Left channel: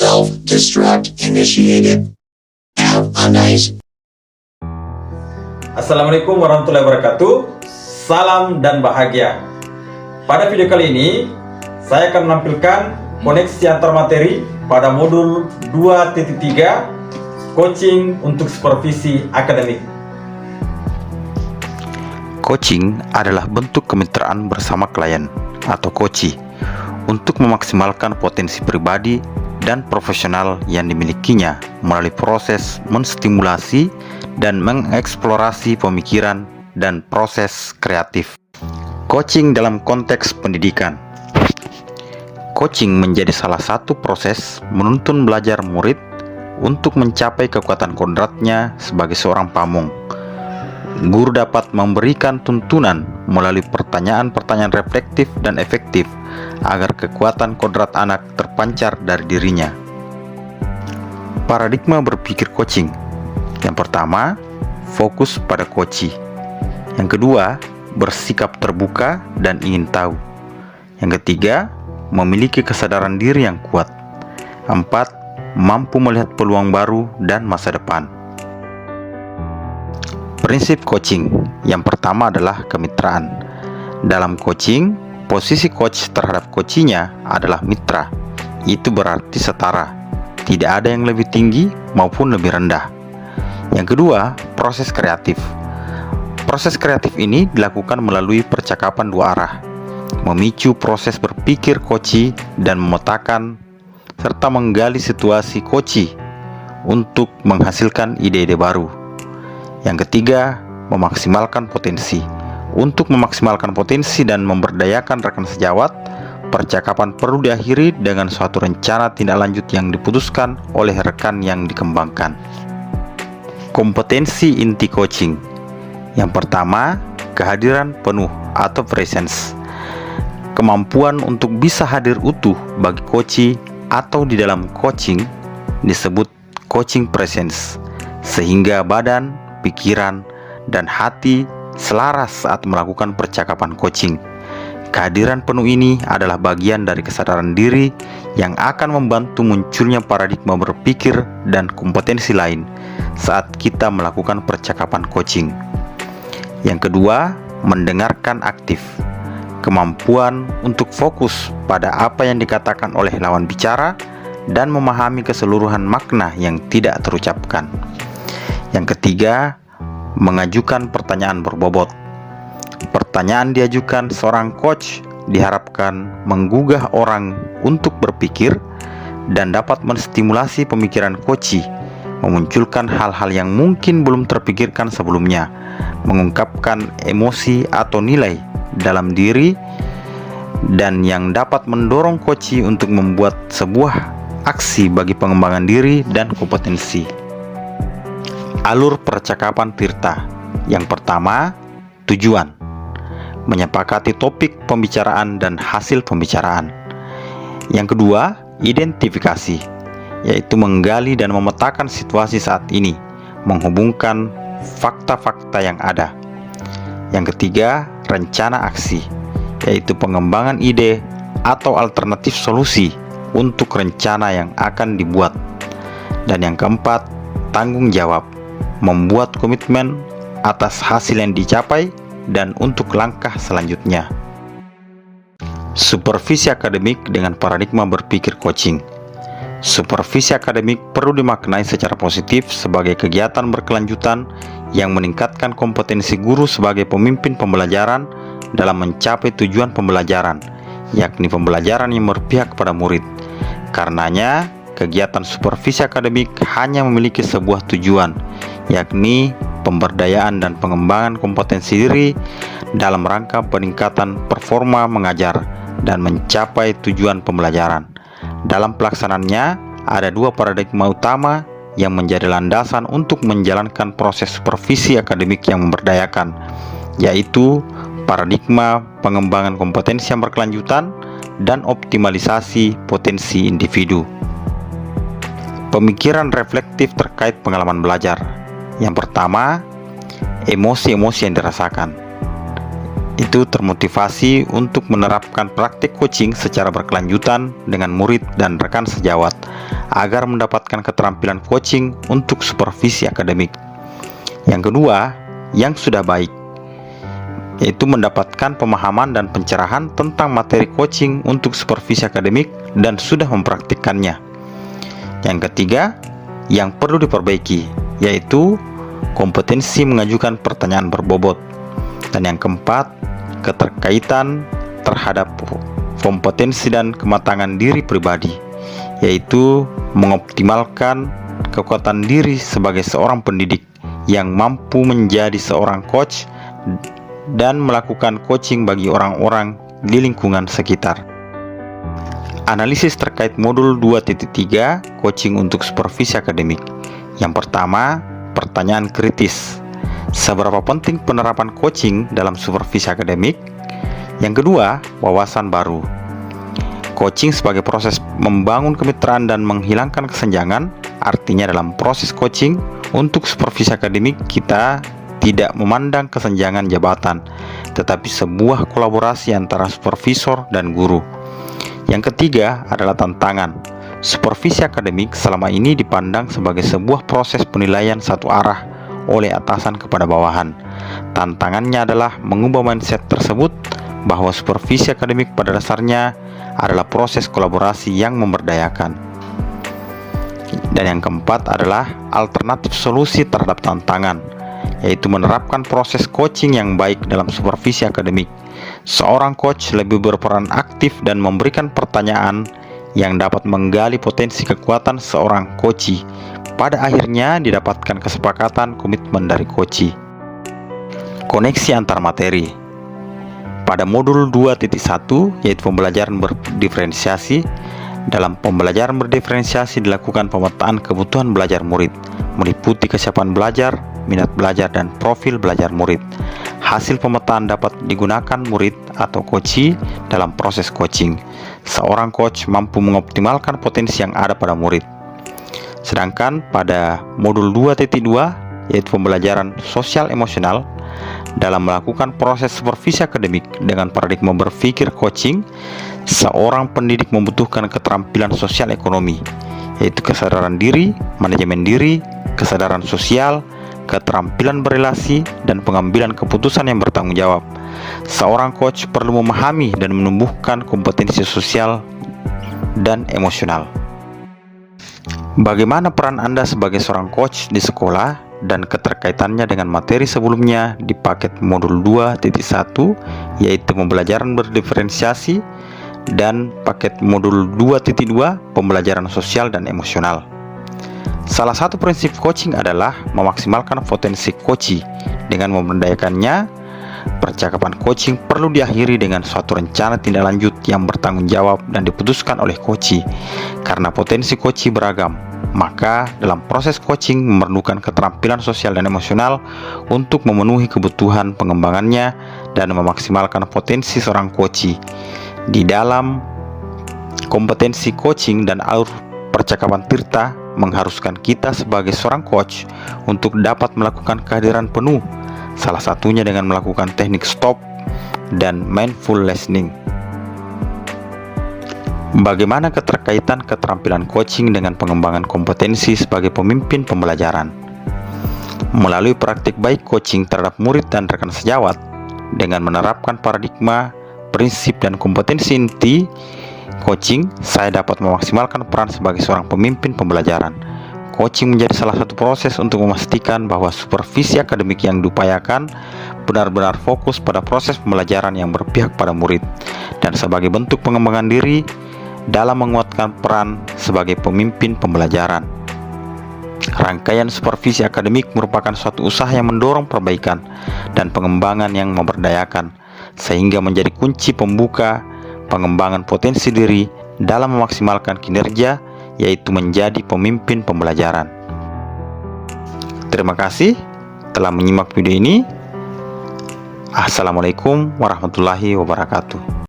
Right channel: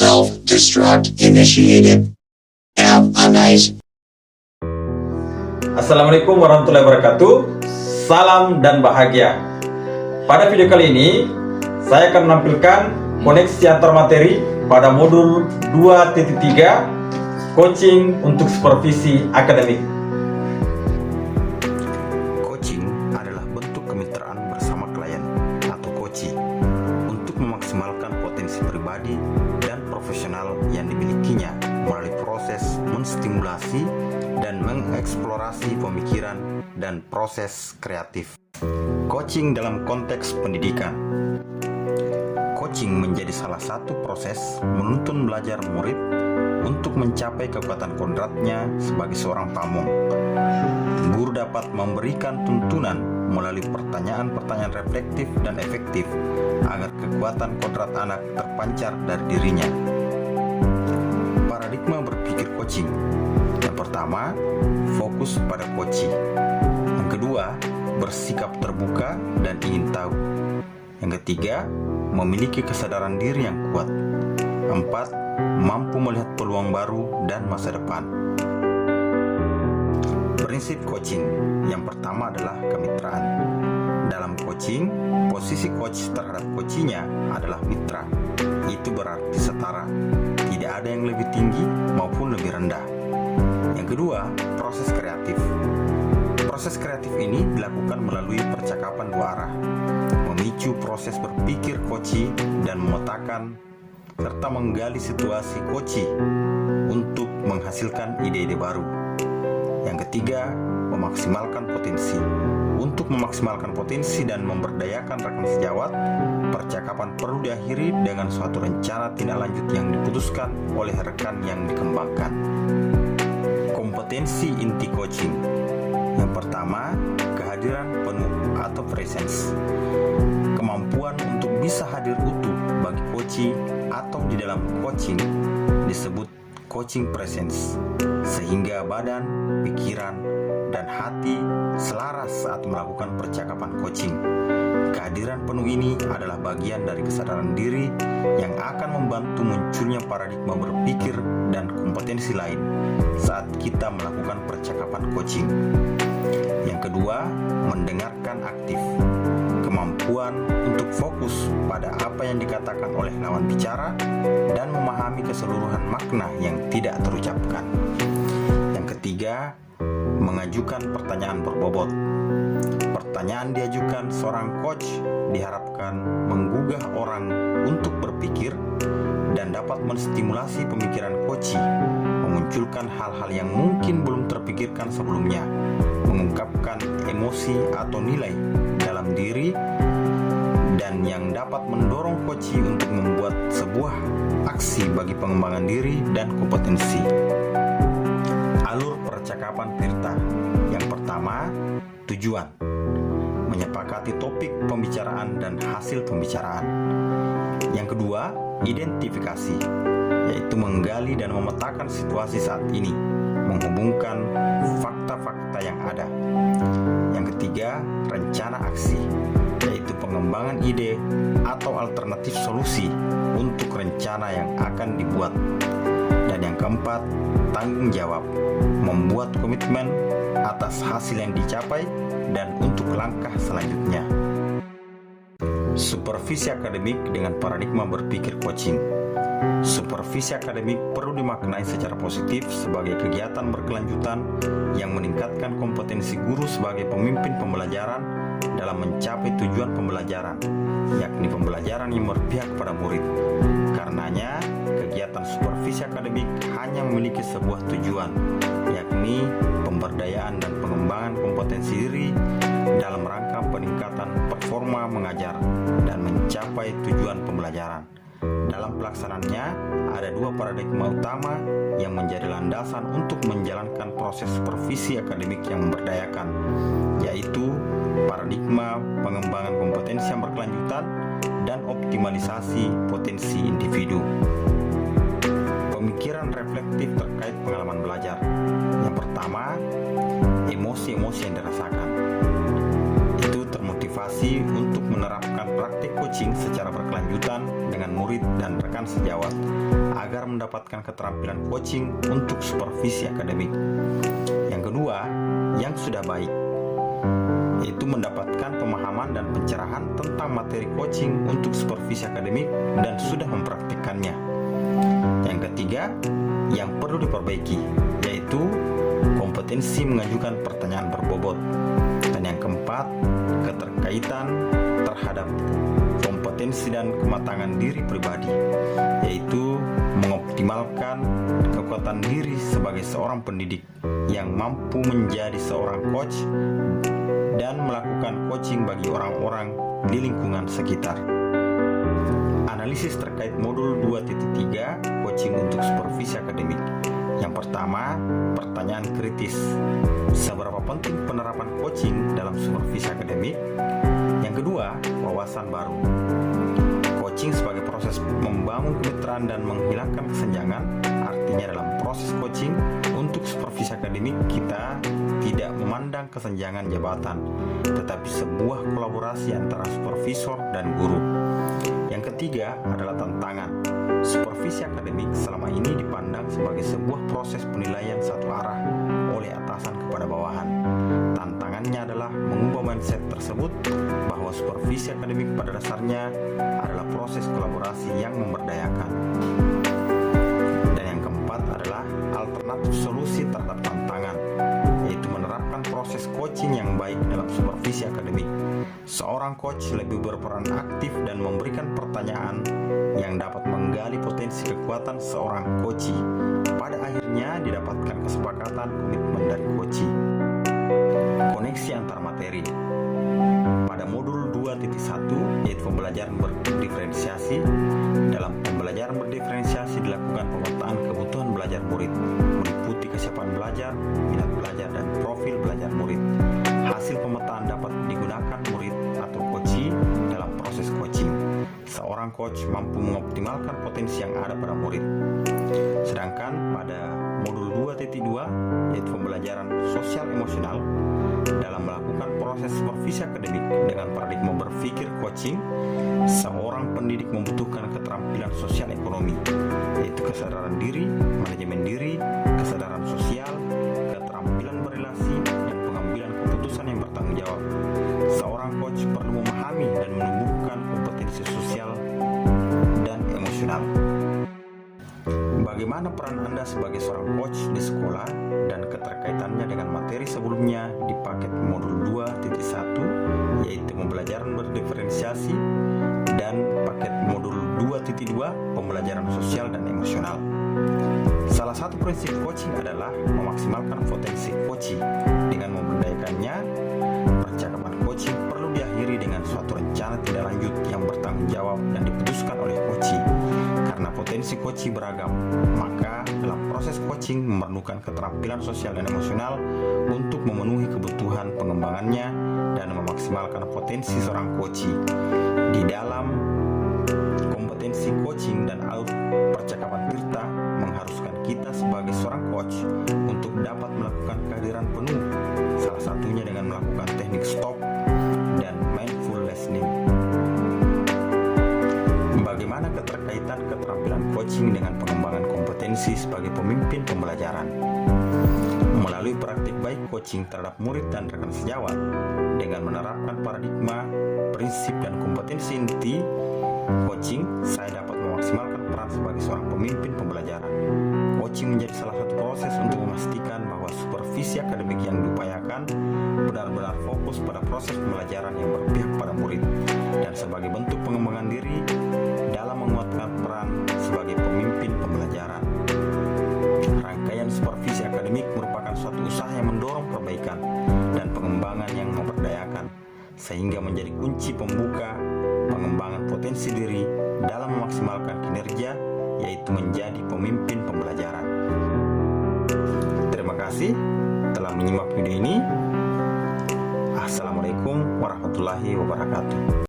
Self-destruct initiated. Nice. Assalamualaikum warahmatullahi wabarakatuh. Salam dan bahagia. Pada video kali ini saya akan menampilkan koneksi antar materi pada modul 2.3 coaching untuk supervisi akademik. Coaching adalah bentuk kemitraan bersama klien atau coachee untuk memaksimalkan potensi pribadi dan profesional yang dimilikinya melalui proses menstimulasi dan mengeksplorasi pemikiran dan proses kreatif. Coaching dalam konteks pendidikan. Coaching menjadi salah satu proses menuntun belajar murid untuk mencapai kekuatan kodratnya sebagai seorang pamong. Guru dapat memberikan tuntunan melalui pertanyaan-pertanyaan reflektif dan efektif agar kekuatan kodrat anak terpancar dari dirinya. Paradigma berpikir coaching. Yang pertama, fokus pada coachee. Yang kedua, bersikap terbuka dan ingin tahu. Yang ketiga, memiliki kesadaran diri yang kuat. 4. Mampu melihat peluang baru dan masa depan. Prinsip coaching. Yang pertama adalah kemitraan. Dalam coaching, posisi coach terhadap coachee-nya adalah mitra. Itu berarti setara. Tidak ada yang lebih tinggi maupun lebih rendah. Yang kedua, proses kreatif. Proses kreatif ini dilakukan melalui percakapan dua arah, memicu proses berpikir coachee dan memetakan serta menggali situasi coachee untuk menghasilkan ide-ide baru. Yang ketiga, memaksimalkan potensi. Untuk memaksimalkan potensi dan memberdayakan rekan sejawat, percakapan perlu diakhiri dengan suatu rencana tindak lanjut yang diputuskan oleh rekan yang dikembangkan. Kompetensi inti coaching. Yang pertama, kehadiran penuh atau presence. Kemampuan untuk bisa hadir utuh bagi coachee atau di dalam coaching disebut coaching presence, sehingga badan, pikiran, dan hati selaras saat melakukan percakapan coaching. Kehadiran penuh ini adalah bagian dari kesadaran diri yang akan membantu munculnya paradigma berpikir dan kompetensi lain saat kita melakukan percakapan coaching. Yang kedua, mendengarkan aktif. Kemampuan untuk fokus pada apa yang dikatakan oleh lawan bicara dan memahami keseluruhan makna yang tidak terucapkan. Yang ketiga, mengajukan pertanyaan berbobot. Pertanyaan diajukan seorang coach diharapkan menggugah orang untuk berpikir dan dapat menstimulasi pemikiran coachee, memunculkan hal-hal yang mungkin belum terpikirkan sebelumnya, mengungkapkan emosi atau nilai dalam diri, dan yang dapat mendorong coachee untuk membuat sebuah aksi bagi pengembangan diri dan kompetensi. Alur percakapan Tirta. Yang pertama, tujuan. Menyepakati topik pembicaraan dan hasil pembicaraan. Yang kedua, identifikasi, yaitu menggali dan memetakan situasi saat ini, menghubungkan fakta-fakta yang ada. Yang ketiga, rencana aksi, yaitu pengembangan ide atau alternatif solusi untuk rencana yang akan dibuat. Dan yang keempat, tanggung jawab, membuat komitmen atas hasil yang dicapai dan untuk langkah selanjutnya. Supervisi akademik dengan paradigma berpikir coaching. Supervisi akademik perlu dimaknai secara positif sebagai kegiatan berkelanjutan yang meningkatkan kompetensi guru sebagai pemimpin pembelajaran dalam mencapai tujuan pembelajaran, yakni pembelajaran yang berpihak pada murid. Karenanya, kegiatan supervisi akademik hanya memiliki sebuah tujuan, yakni pemberdayaan dan pengembangan kompetensi diri dalam rangka peningkatan performa mengajar dan mencapai tujuan pembelajaran. Dalam pelaksanaannya, ada dua paradigma utama yang menjadi landasan untuk menjalankan proses supervisi akademik yang memberdayakan, yaitu paradigma pengembangan kompetensi yang berkelanjutan dan optimalisasi potensi individu. Pemikiran reflektif terkait pengalaman belajar. Yang pertama, emosi-emosi yang dirasakan. Itu termotivasi untuk menerapkan praktik coaching secara berkelanjutan dengan murid dan rekan sejawat agar mendapatkan keterampilan coaching untuk supervisi akademik. Yang kedua, yang sudah baik, yaitu mendapatkan pemahaman dan pencerahan tentang materi coaching untuk supervisi akademik dan sudah mempraktikkannya. Yang ketiga, yang perlu diperbaiki, yaitu kompetensi mengajukan pertanyaan berbobot. Dan yang keempat, keterkaitan terhadap kompetensi dan kematangan diri pribadi, yaitu mengoptimalkan kekuatan diri sebagai seorang pendidik yang mampu menjadi seorang coach dan melakukan coaching bagi orang-orang di lingkungan sekitar. Analisis terkait modul 2.3 coaching untuk supervisi akademik. Yang pertama, pertanyaan kritis. Seberapa penting penerapan coaching dalam supervisi akademik? Yang kedua, wawasan baru. Coaching sebagai proses membangun kemitraan dan menghilangkan kesenjangan. Artinya dalam proses coaching untuk supervisi akademik kita tidak memandang kesenjangan jabatan, tetapi sebuah kolaborasi antara supervisor dan guru. Yang ketiga adalah tantangan. Supervisi akademik selama ini dipandang sebagai sebuah proses penilaian satu arah oleh atasan kepada bawahan. Tantangannya adalah mengubah mindset tersebut bahwa supervisi akademik pada dasarnya adalah proses kolaborasi yang memberdayakan. Dan yang keempat adalah alternatif solusi terhadap tantangan, yaitu menerapkan proses coaching yang baik dalam supervisi akademik. Seorang coach lebih berperan aktif dan memberikan pertanyaan yang dapat menggali potensi kekuatan seorang coachee. Pada akhirnya didapatkan kesepakatan komitmen dari coachee. Koneksi antar materi. Pada modul 2.1 yaitu pembelajaran berdiferensiasi. Dalam pembelajaran berdiferensiasi dilakukan pemetaan kebutuhan belajar murid, meliputi kesiapan belajar, minat belajar, dan profil belajar murid. Hasil pemetaan dapat digunakan murid atau coachee dalam proses coaching. Seorang coach mampu mengoptimalkan potensi yang ada pada murid. Sedangkan pada modul 2.2 yaitu pembelajaran sosial emosional, dalam melakukan proses supervisi akademik dengan paradigma berpikir coaching, seorang pendidik membutuhkan keterampilan sosial ekonomi, yaitu kesadaran diri, manajemen diri, kesadaran sosial, keterampilan berelasi, dan pengambilan keputusan yang bertanggung jawab. Seorang coach perlu memahami dan menumbuhkan kompetensi sosial dan emosional. Bagaimana peran Anda sebagai seorang coach di sekolah dan keterkaitannya dengan materi sebelumnya di paket modul 2.1 yaitu pembelajaran berdiferensiasi dan paket modul 2.2 pembelajaran sosial dan emosional. Salah satu prinsip coaching adalah memaksimalkan potensi coachee. Dengan memberdayakannya, percakapan coaching perlu diakhiri dengan suatu rencana tindak lanjut yang bertanggung jawab dan diputuskan oleh coachee. Karena potensi coachee beragam, maka dalam proses coaching memerlukan keterampilan sosial dan emosional untuk memenuhi kebutuhan pengembangannya dan memaksimalkan potensi seorang coachee. Di dalam kompetensi coaching dan alur percakapan Tirta mengharuskan kita sebagai seorang coach untuk dapat melakukan kehadiran penuh, salah satunya dengan melakukan teknik stop dan mindful listening. Bagaimana keterkaitan keterampilan coaching dengan pengembangan kompetensi sebagai pemimpin pembelajaran? Melalui praktik baik coaching terhadap murid dan rekan sejawat, dengan menerapkan paradigma, prinsip, dan kompetensi inti coaching, saya dapat memaksimalkan peran sebagai seorang pemimpin pembelajaran. Coaching menjadi salah satu proses untuk memastikan bahwa supervisi akademik yang diupayakan benar-benar fokus pada proses pembelajaran yang berpihak pada murid, dan sebagai bentuk pengembangan diri dalam menguatkan peran sebagai pemimpin pembelajaran. Rangkaian supervisi akademik merupakan suatu usaha yang mendorong perbaikan dan pengembangan yang memberdayakan, sehingga menjadi kunci pembuka pengembangan potensi diri dalam memaksimalkan kinerja, yaitu menjadi pemimpin pembelajaran. Terima kasih telah menyimak video ini. Assalamualaikum warahmatullahi wabarakatuh.